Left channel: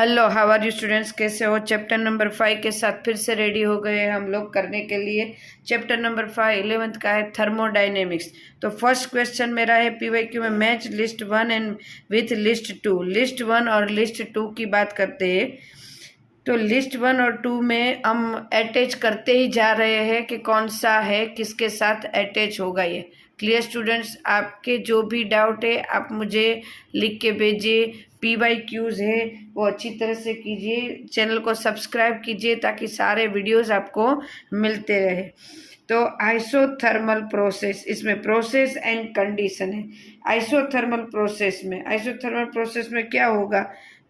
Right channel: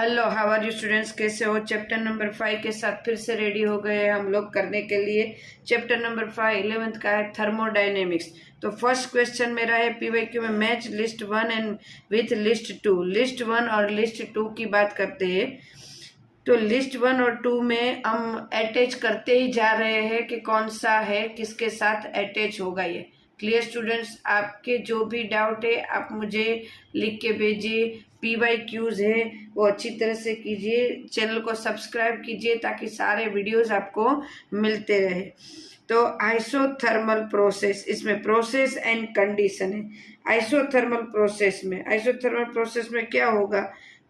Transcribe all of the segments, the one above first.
Hello, how are you students? कैसे हो? Chapter number 5 के साथ फिर से रेडी हो गए हैं हम लोग करने के लिए। चैप्टर नंबर 5 11th का है थर्मोडायनेमिक्स। तो फर्स्ट क्वेश्चन मेरा है पीवाईक्यू में, match list 1 and with list 2। List 1 और लिस्ट 2 की बात करते हैं। तो लिस्ट 1 और 2 में हम अटैच करते ही जा रहे हैं कि कौन सा है किसके साथ अटैच होगा। ये क्लियर स्टूडेंट्स? आपके जो भी डाउट है आप मुझे लिख के भेजिए। पीवाईक्यूज है वो अच्छी तरह से कीजिए, चैनल को सब्सक्राइब कीजिए ताकि सारे वीडियोस आपको मिलते रहे। तो आइसोथर्मल प्रोसेस, इसमें प्रोसेस एंड कंडीशन है। आइसोथर्मल प्रोसेस में क्या होगा?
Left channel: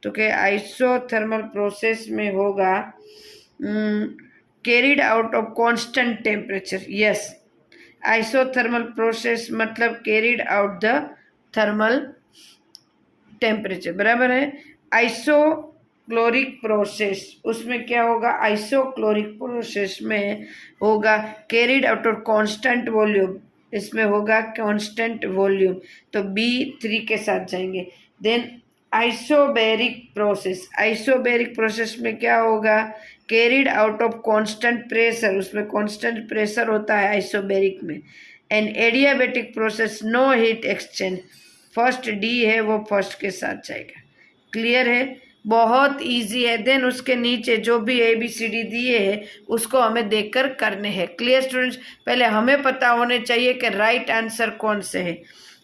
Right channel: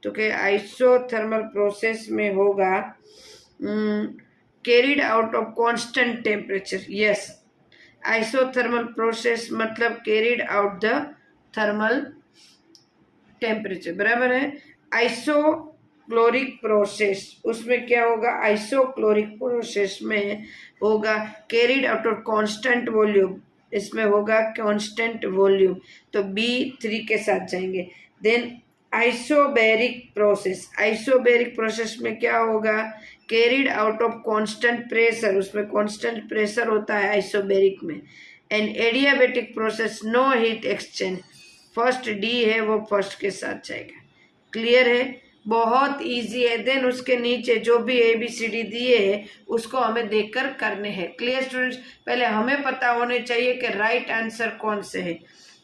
तो क्या आइसोथर्मल प्रोसेस में होगा carried out of constant temperature. Yes, isothermal process मतलब carried out the thermal temperature, बराबर है। आइसोक्लोरिक प्रोसेस, उसमें क्या होगा? आइसोक्लोरिक प्रोसेस में होगा carried out of constant volume, इसमें होगा कांस्टेंट वॉल्यूम, तो B3 के साथ जाएंगे। देन आइसोबैरिक प्रोसेस में क्या होगा? Carried out of constant pressure, उसमें कांस्टेंट प्रेशर होता है आइसोबैरिक में। And adiabatic process, no heat exchange, first D है वो फर्स्ट के साथ जाएगा। क्लियर है? बहुत इजी है। देन उसके नीचे जो भी ABCD दिए है उसको हमें देखकर करने हैं। Clear students? पहले हमें पता होने चाहिए कि राइट आंसर कौन से है।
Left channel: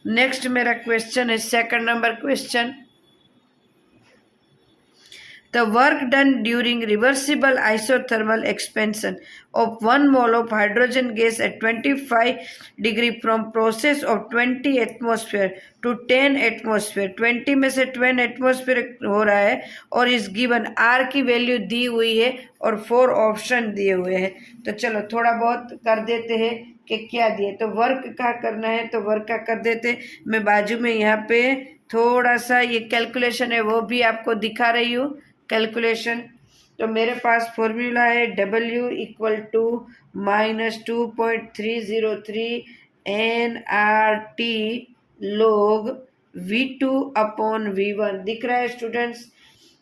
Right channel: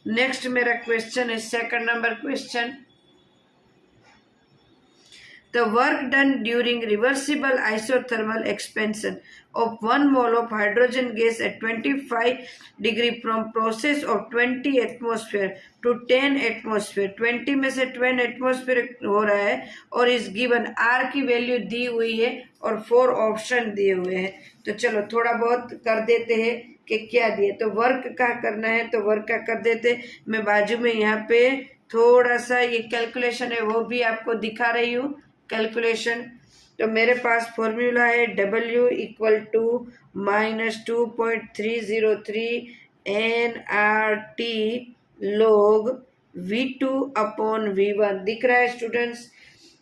नेक्स्ट मेरा क्वेश्चन है, second number question. The work done during reversible isothermal expansion of 1 mole of hydrogen gas at 25 degree from process of 20 atmosphere to 10 atmosphere, 20 में से 10 atmosphere हो रहा है और इस गिवन R की वैल्यू दी हुई है और 4 ऑप्शन दिए हुए हैं। तो चलो थोड़ा बहुत कर देते हैं कि क्या दिए। तो वर्क का करना है तो वर्क का कर देते। मैं बाजू में यहाँ पे थोड़ा सा ये कैलकुलेशन है वो भी आपको दिखा रही हूँ। कैलकुलेशन तो मेरे पास फॉर्मूला है W equal to -2.303 nRT log V2 upon V1 दिख रहा है स्टूडेंट्स?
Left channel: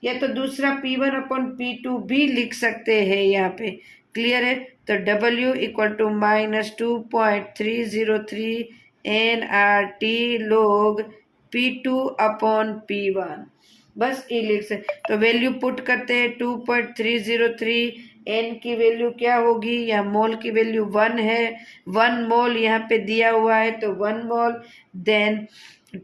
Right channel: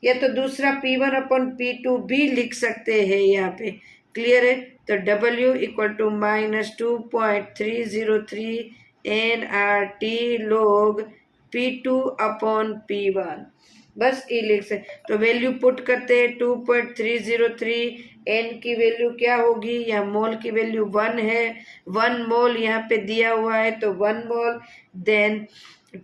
या तो दूसरा P1 अपॉन P2 भी लिख सकते हैं यहाँ पे। क्लियर है? तो W equal to -2.303 nRT log P2 upon P1, बस ये लिख सकते। तो वैल्यू पुट करते हैं 2.303, n की वैल्यू क्या होगी? यहाँ मोल की वैल्यू 1 है, 1 मोल यहाँ पे दिया हुआ है तो 1 मोल। देन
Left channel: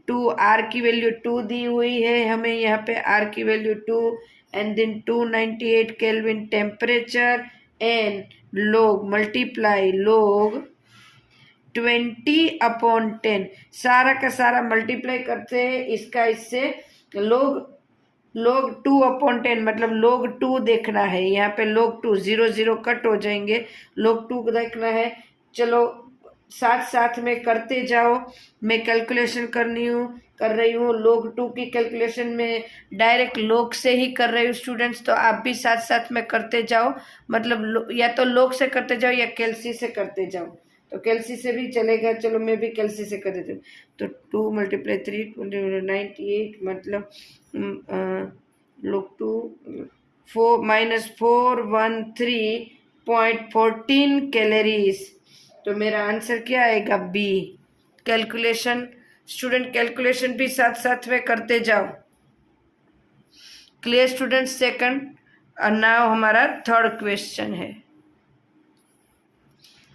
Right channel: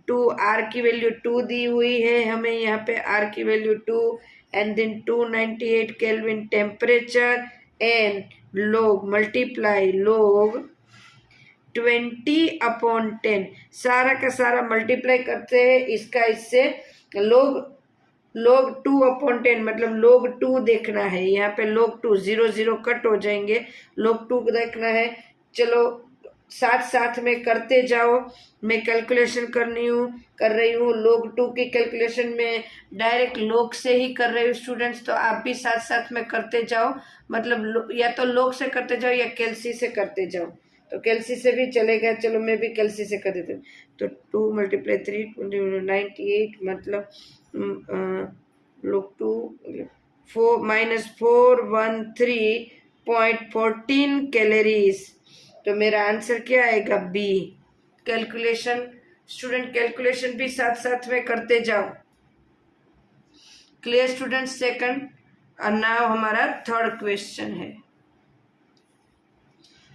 2 R की वैल्यू 2 दी हुई है हमें यहाँ पे, R की value 2 and then 298 kelvin temperature and log multiply log 20 upon 10, सारा का सारा मल्टीप्लाई करते हैं इसका इससे। log 2 अपॉन 10 मतलब log 2 देखना है यहाँ पे। log 2 0 0 कट हो जाएंगे, log 2 देखना है। चलो साथ साथ में करते जाओ, मैं कैलकुलेशन कर रही हूँ। log 2 की कैलकुलेशन में डायरेक्ट log से ही कर रही हूँ स्टूडेंट्स, तो आप भी साथ साथ में करते जाओ। मतलब या तो log से करते जाओ या कैलसी से करते जाओ, तो कैलसी से भी चलेगा। चलो मैं भी कैलसी से कर देती हूँ। तो 2 × 3 98 मतलब log 2 -413.14 कैलोरीज। तो मेरा आंसर क्या आएगा? B। कैलकुलेशन स्टूडेंट, कैलकुलेशन भी साथ साथ में करते जाओ। Clear student? सेकंड। और नाउ हमारा थर्ड क्वेश्चन है।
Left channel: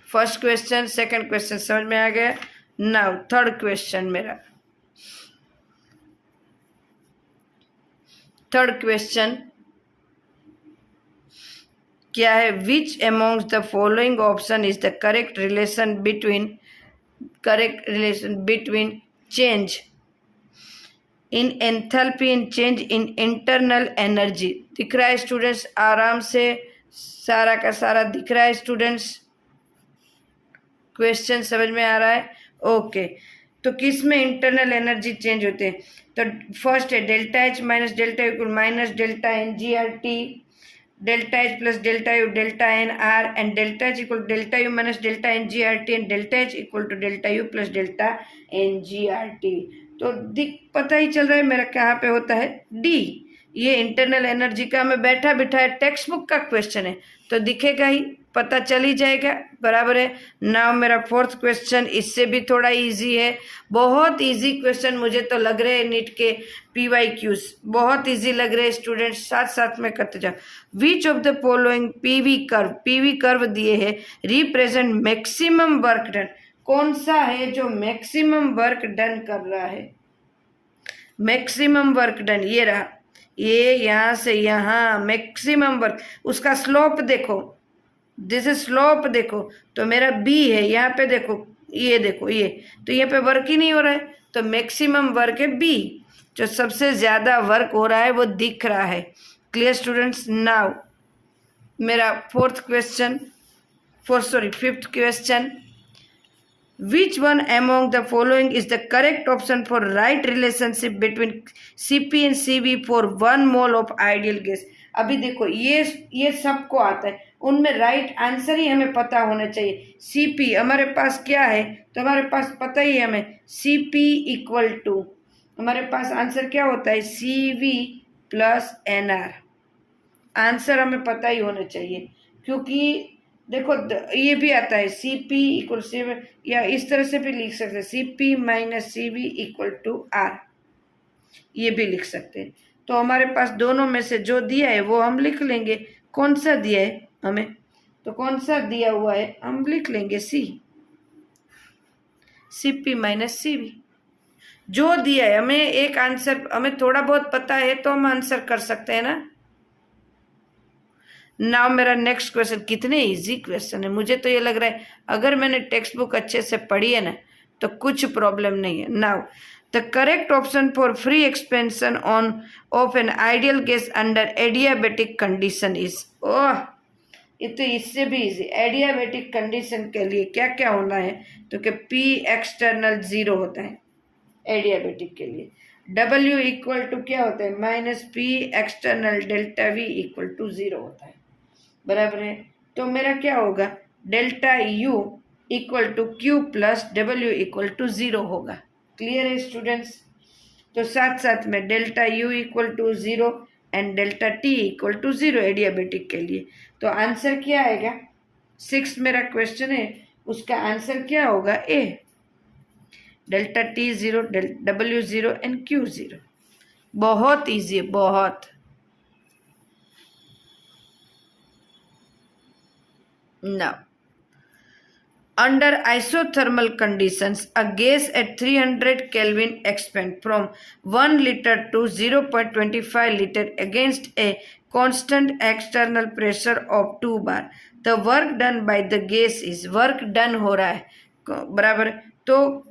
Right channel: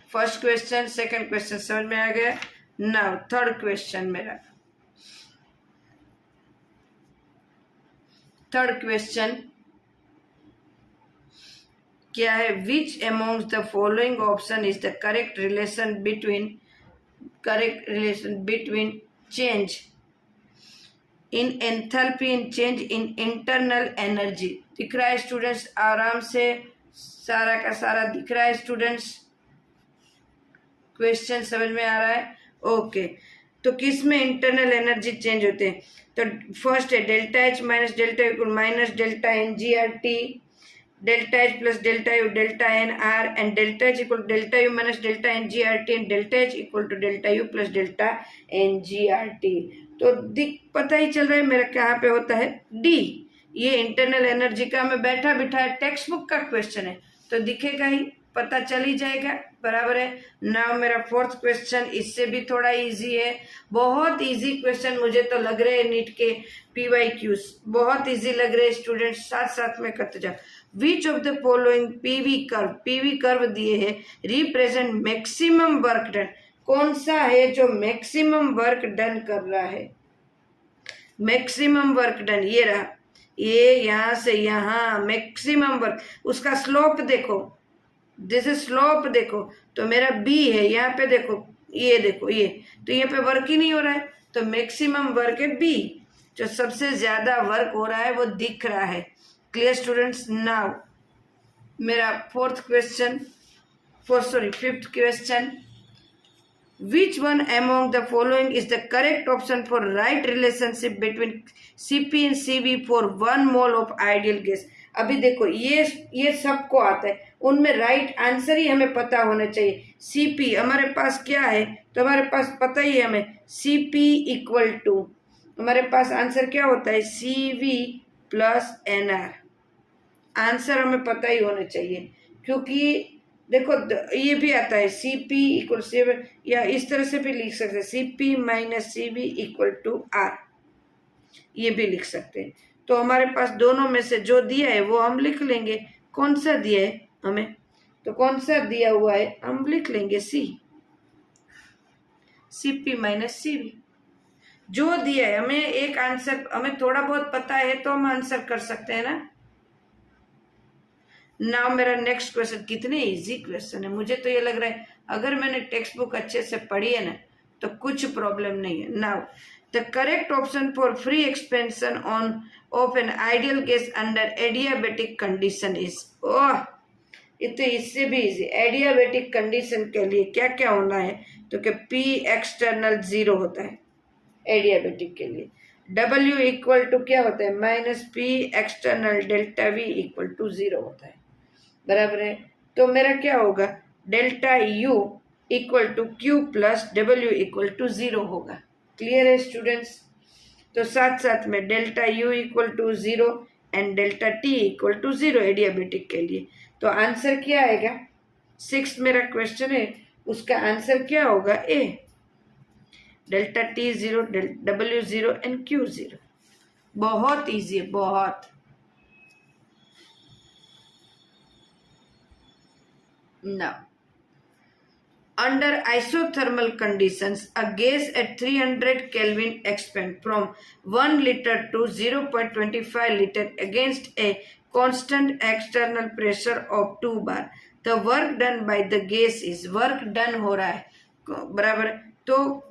फर्स्ट क्वेश्चन सेकंड क्वेश्चन समझ में आ गया। नाउ थर्ड क्वेश्चन मेरा, थर्ड क्वेश्चन क्या है? Which amongst the following option is the correct relation between change in enthalpy and change in internal energy. दिख रहा है स्टूडेंट्स? आराम से सारा का सारा दिख रहा है स्टूडेंट्स? क्वेश्चन समझ में आ रहा है? ओके। तो किस में इंटरनल एनर्जी चेंज होते हैं? तो फर्स्ट है delta H minus delta equal minus delta NGRT, delta H plus delta U delta NR and delta H equal delta U minus delta NGRT and delta H equal to delta U plus delta NGRT। तो पता ही चल रहा है मेरा कहाँ पे होता है? D। ये इंटरनल एनर्जी का हमें बैठा बिठाया टेक्स्ट बुक का क्वेश्चन है तो दिखेगा ही, पता चल ही जाएगा, बराबर है। नाउ मेरा फोर्थ क्वेश्चन इससे भी थोड़ा इजी है, बहुत इजी क्वेश्चन मुझे तो लग रहे हैं नीट के PYQs बहुत इजी लग रहे हैं स्टूडेंट्स, साथ साथ में करते जाओ। Which of the following PV curve दिए है रिप्रेजेंट मैक्सिमम वर्क डन, कौन सा है जो मैक्सिमम वर्क डन कर रहा है? मैक्सिमम वर्क डन ये रहा, ये यहाँ से यहाँ मैक्सिमम वर्क, उसका स्लोप देखो, जैसे स्लोप देखो तो मेरा बी है, यहाँ पे देखो ये देखो ये, तो यहाँ पे वर्क ही नहीं हो रहा है, तो मैक्सिमम वर्क है बी, जो सबसे ज्यादा वर्क हो रहा है वो दिख रहा है। Clear students? नाउ मेरा fifth question, which one among the following is the correct option for right relationship between Cp and Cv for 1 mole of ideal gas? अभी देखो ये सबको आता है, उनमें राइट आंसर ही हमें पता होना चाहिए। Cp हमारे पास क्या है, तो हमारे पास पता ही है हमें Cp इक्वल टू, हमारे पास आंसर क्या होता है Cv प्लस Nr, आंसर हमें पता ही होना चाहिए, क्योंकि देखो ये भी आता है Cp इक्वल से, या इस तरह से भी लिख सकते हैं Cp minus Cv equal to R, ये भी लिख सकते हैं। तो हमारे पास दोनों में से जो दिया है वो हम लिख लेंगे, कौन सा दिया है हमें, तो कौन सा दिया हुआ है हम लिख लेंगे Cp माइनस Cv, जो दिया है हमें एक आंसर, हमें थोड़ा बहुत पता है तो हम आंसर कर सकते हैं ना। नाउ मेरा नेक्स्ट क्वेश्चन, कितने इजी क्वेश्चन है, मुझे तो ये लग रहा है अगर मैंने टेक्स्ट बुक अच्छे से पढ़ी है ना तो कुछ प्रॉब्लम नहीं है। Now the correct option for free expansion of an ideal gas under adiabatic condition is, oh ये तो इससे भी इजी, एडियाबेटिक कंडीशन के लिए क्या क्या होना है, तो कि P एक्सटर्नल 0 होता है एडियाबेटिक के लिए, W इक्वल टू क्या होता है minus P external delta V equal to 0 होता है, बराबर है। तो मेरा क्या होगा delta U equal to Q plus W equal to 0 होगा। क्लियर है स्टूडेंट्स? तो साथ साथ में delta U equal to 0 and delta T equal to 0 adiabatic के लिए, तो आंसर क्या आएगा, 6 मेरा क्वेश्चन है, उसका आंसर क्या होगा A, delta T 0, W 0 and Q 0। बहुत इजी है, बहुत। Now, under isothermal conditions, a gas at 300 Kelvin expand from 1 liter to 0.25 liter against a constant external pressure of 2 bar. The work done by the gas is, work done हो रहा है, बराबर, तो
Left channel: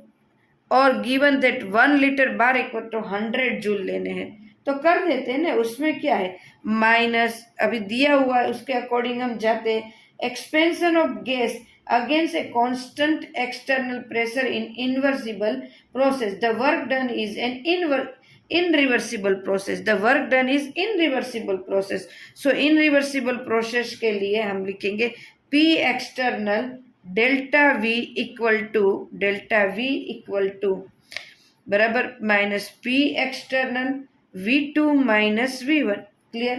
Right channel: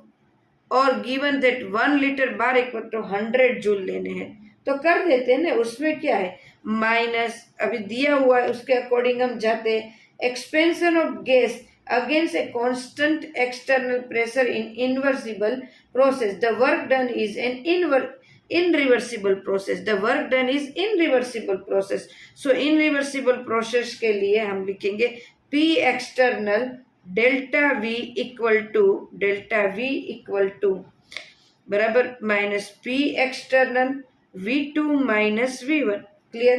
और given that 1 litre bar equal to 100 joule लेने हैं, तो कर देते हैं ना, उसमें क्या है माइनस, अभी दिया हुआ है उसके अकॉर्डिंग हम जाते हैं, expansion of gas against a constant external pressure in inversible process, the work done is an irreversible process, the work done is irreversible process, so irreversible process के लिए हम लिखेंगे P external delta V equal to बराबर minus P external V2 minus V1। Clear?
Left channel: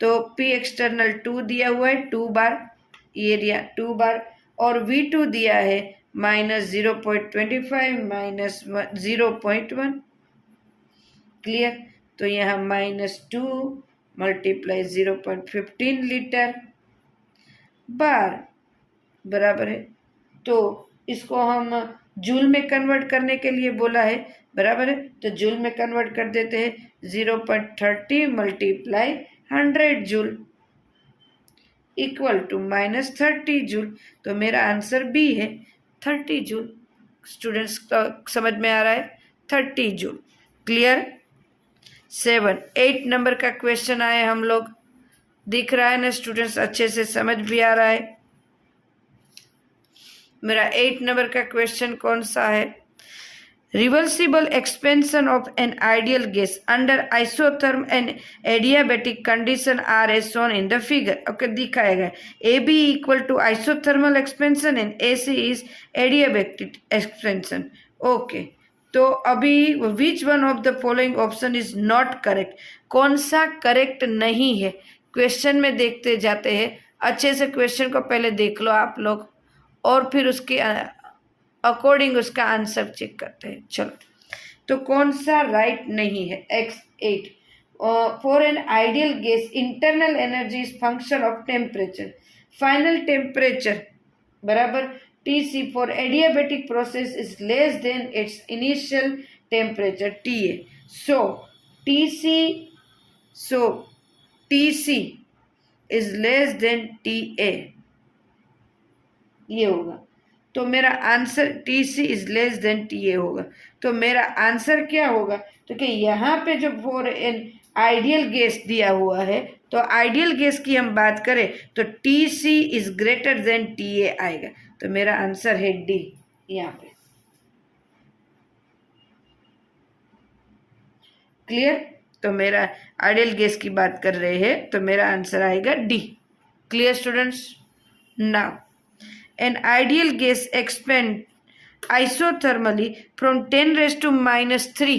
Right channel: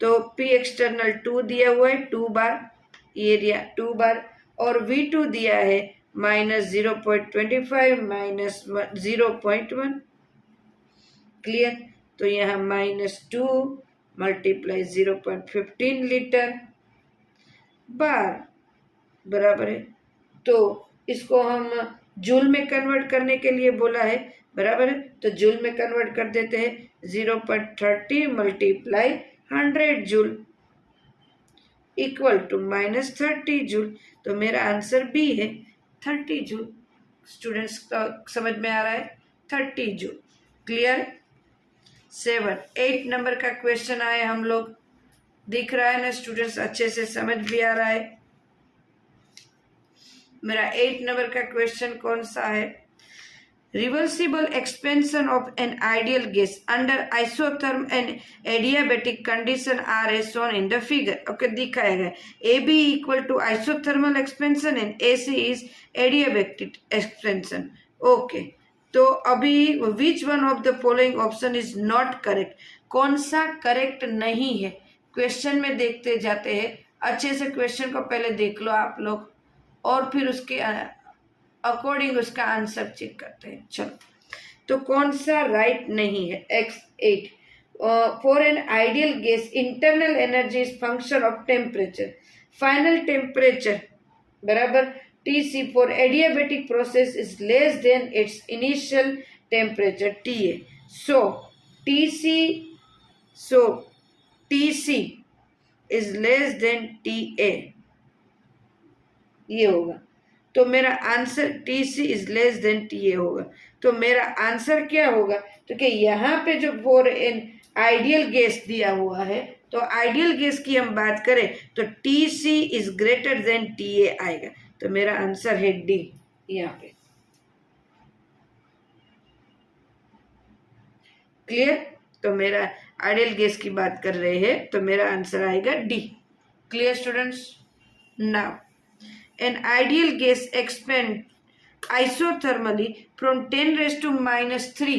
तो P external 2 दिया हुआ है 2 बार, ये दिया 2 बार, और V2 दिया है माइनस 0.25 माइनस 0.1। क्लियर? तो यहाँ माइनस 2 मल्टीप्लाई 0.15 लीटर बार, बराबर है। तो इसको हम जूल में कन्वर्ट करने के लिए बोला है, बराबर है, तो जूल में कन्वर्ट कर देते हैं, 0.30 multiply 100 joule equal to minus 30 joule, तो मेरा आंसर बी है 30 जूल। स्टूडेंट्स का समझ में आ रहा है 30 जूल। क्लियर? 8 नंबर का क्वेश्चन आए हम लोग, दिख रहा है ना स्टूडेंट्स, अच्छे से समझ भी आ रहा है। मेरा 8 नंबर का क्वेश्चन कौन सा है, reversible expansion of an ideal gas under isotherm and adiabatic condition are as shown in the figure. Okay, दिखाया गया A B equal to isothermal expansion and A C is adiabatic expansion. Okay, तो अभी which one of the following option is not correct, कौन सा correct नहीं है, question में देखते जाते हैं। अच्छे से क्वेश्चन को पहले देख लो आप लोग और फिर उसके अकॉर्डिंग उसका आंसर चेक करते हैं। चलो, तो कौन सा राइट नहीं है? X8 for an ideal gas internal energy is function of temperature, final temperature बराबर TC for adiabatic process is less than it's initial temperature TA। So TC is less than TA, ये होगा। तो मेरा answer TC is less than TA होगा। तो मेरा answer क्या होगा? तो कि यहाँ पे जो फॉर एन आइडियल गैस दिया हुआ है, तो आइडियल गैस की हम बात करें तो TC is greater than TA आएगा। तो मेरा आंसर है D यहाँ पे। क्लियर? तो मेरा आइडियल गैस की बात कर रहे हैं तो मेरा आंसर आएगा D। Clear students? Now an ideal gas expand isothermally from 10 raised to minus 3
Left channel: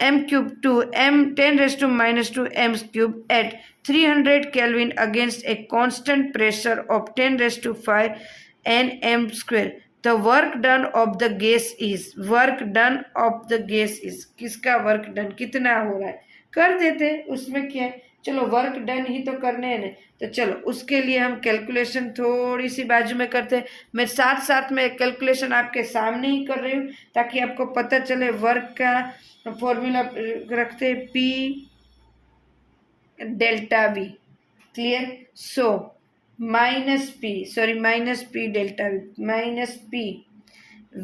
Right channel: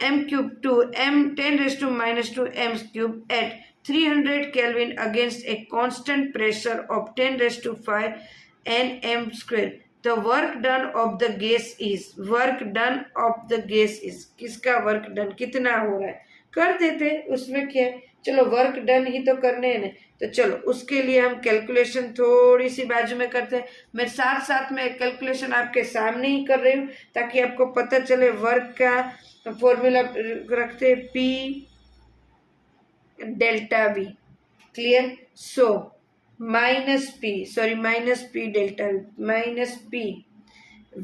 m cube to m 10 raised to minus 2 m cube at 300 Kelvin against a constant pressure of 10 raised to 5 Nm square. The work done of the gas is, work done of the gas is, किसका work done कितना हो रहा है कर देते, उसमें क्या है। चलो वर्क डन ही तो करने हैं ना, तो चलो उसके लिए हम कैलकुलेशन थोड़ी सी बाजू में करते हैं। मैं साथ साथ में कैलकुलेशन आपके सामने ही कर रही हूँ ताकि आपको पता चले। वर्क का फॉर्मूला रखते P delta V। Clear? So minus P delta V minus P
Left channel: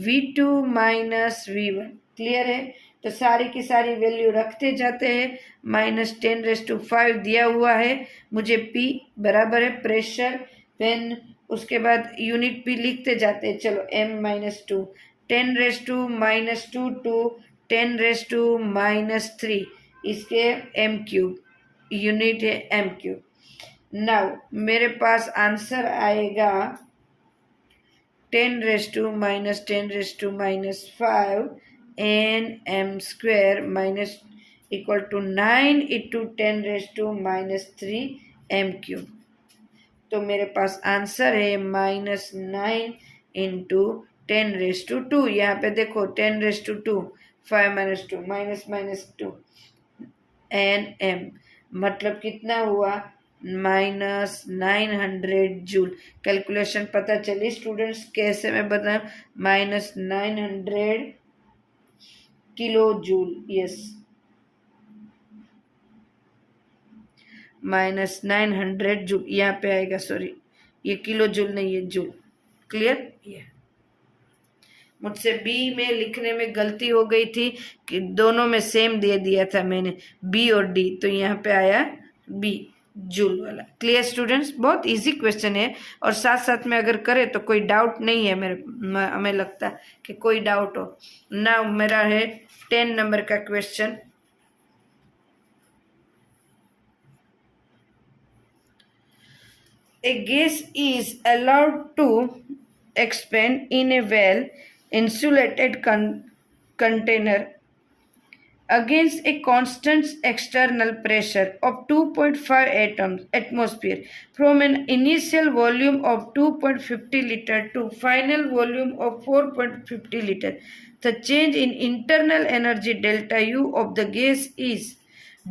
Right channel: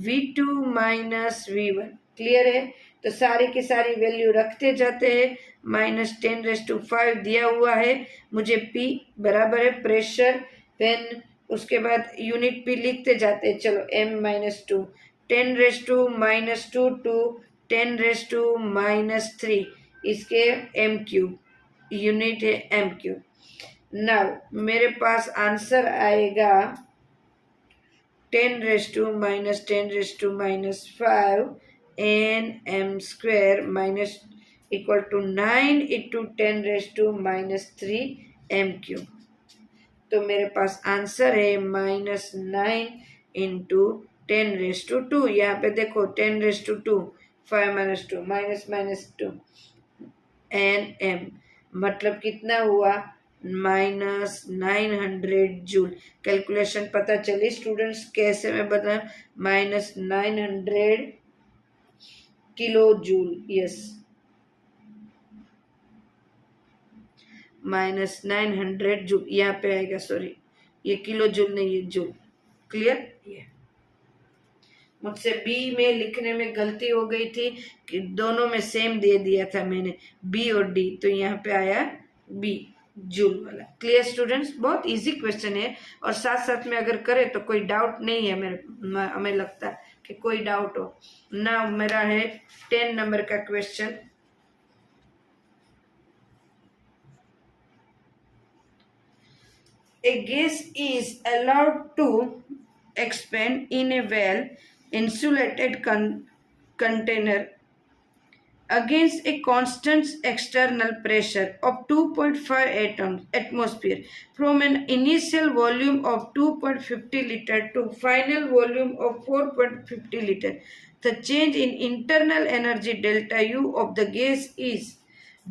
V2 minus V1। Clear है? तो सारी की सारी वैल्यू रखते जाते हैं। -10⁵ दिया हुआ है मुझे, P बराबर है प्रेशर पेन, उसके बाद यूनिट P लिखते जाते हैं। चलो M-2 10⁻² टू 10⁻³ इसके m³ यूनिट है m³। नाउ मेरे पास आंसर आएगा 10⁻⁻5 Nm² minus equal to 9 × 10⁻³ m³। तो मेरे पास आंसर है -9 × 10⁻²। यहाँ पे देखो 10⁻², 5 - 2 -2 Nm, मतलब कितना हुआ? -900 जूल। कैलकुलेशन पता चली स्टूडेंट्स कैसे मैं बताऊं? -900 किलो जूल। यस, -900 जूल यहाँ पे आएगा। सॉरी, ये किलो जूल नहीं, ये जूल। क्लियर? ये मुझसे बी में लिखने में गलती हो गई थी कि दोनों में सेम दे दिया था मैंने, बी और डी, तो यहाँ पे आया बी जूल वाला। Clear students? बहुत इजी क्वेश्चन है और साथ साथ में अगर करें तो कोई डाउट नहीं है। हमें लगता है कि कोई डाउट हो ना। मेरा है 10 नंबर का question. A gas is allowed to expand in a well insulated container against a constant external pressure of 2.5 atmosphere from an initial volume of 2.50 liter to final volume of 4.50 liter. The change in internal energy delta U of the gas is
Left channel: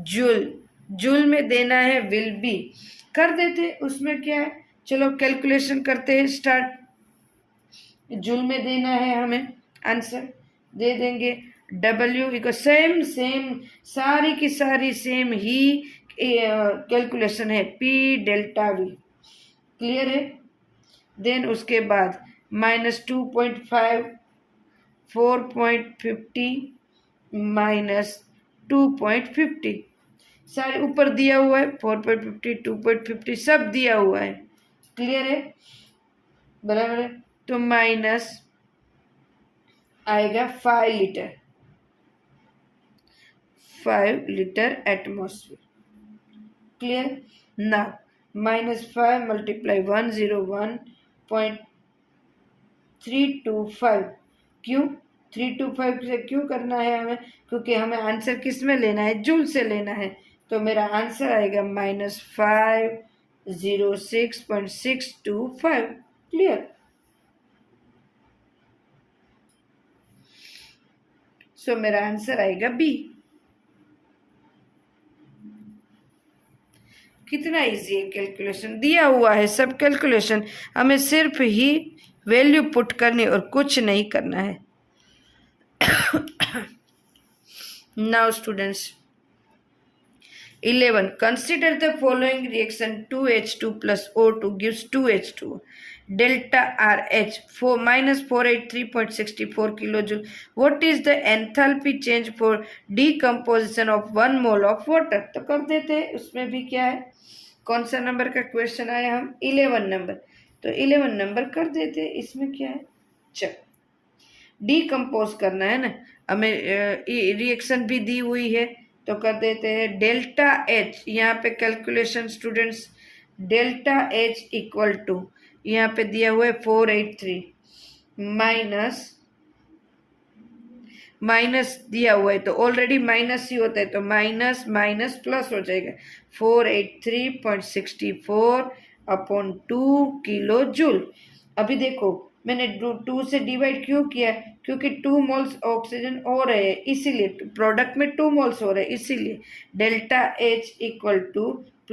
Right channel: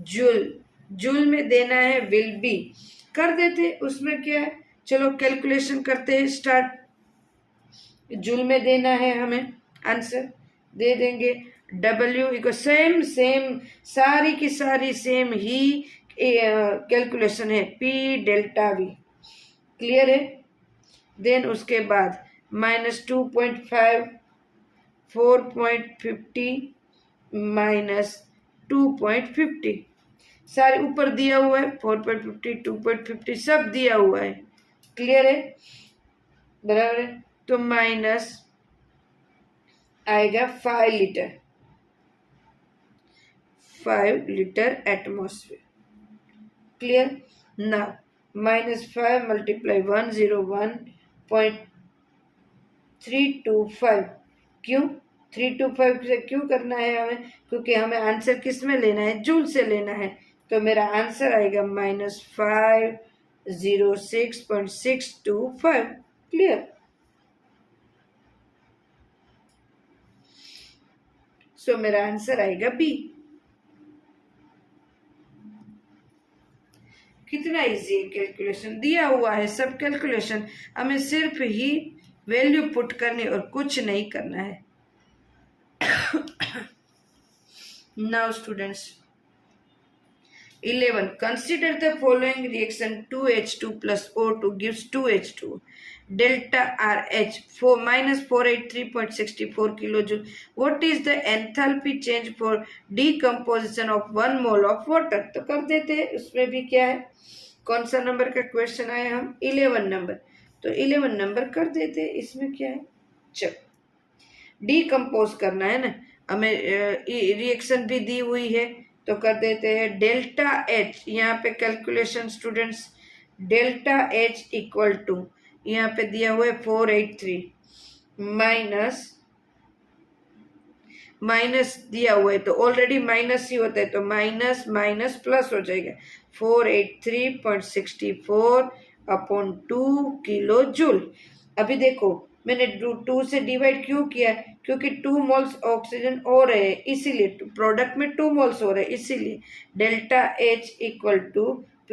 joule. Joule में देना है will be, कर देते। उसमें क्या है, चलो calculation करते हैं स्टार्ट। जूल में देना है हमें, आंसर दे देंगे W को सेम सारी की सारी सेम ही कैलकुलेशन है P डेल्टा V। क्लियर है? देन उसके बाद -2.5 4.50 -2.50 सारे ऊपर दिया हुआ है, 4.50 2.50 सब दिया हुआ है। क्लियर है? बराबर है। तो माइनस आएगा 5 लीटर एटमॉस्फेयर। क्लियर? ना -5 × 101.325 क्यों? 325 से क्यों करना है हमें, क्योंकि हमें आंसर किस में लेना है, जूल से लेना है। तो मेरा आंसर आएगा -506.625। क्लियर। सो मेरा आंसर आएगा बी। कितना इजी है, कैलकुलेशन दिया हुआ है, सब कैलकुलेशन, हमें सिर्फ ही वैल्यू पुट करनी और कुछ नहीं करना है। Now students 11, consider the following reaction: 2H2 plus O2 gives 2H2, delta RH for -483.64 kilojoule. What is the enthalpy change for decomposition of 1 mole of water? तो कर देते हैं, उसमें भी क्या है, कौन सा नंबर का क्वेश्चन आया, हम 11 नंबर, तो 11 नंबर कर देते हैं, इसमें क्या है, चल डीकम्पोज करना है ना हमें, रिएक्शन भी दी हुई है तो कर देते हैं डेल्टा एच, यहाँ पे calculation students, delta H equal to यहाँ पे दिया हुआ है 483 माइनस दिया हुआ है तो ऑलरेडी माइनस ही होता है, तो माइनस माइनस प्लस हो जाएगा 483.64 अपॉन 2 किलो जूल। अभी देखो मैंने 2 से डिवाइड क्यों किया, क्योंकि 2 मोल्स ऑक्सीजन हो रहे हैं, इसीलिए प्रोडक्ट में 2 मोल्स हो रहे हैं, इसीलिए डेल्टा एच इक्वल टू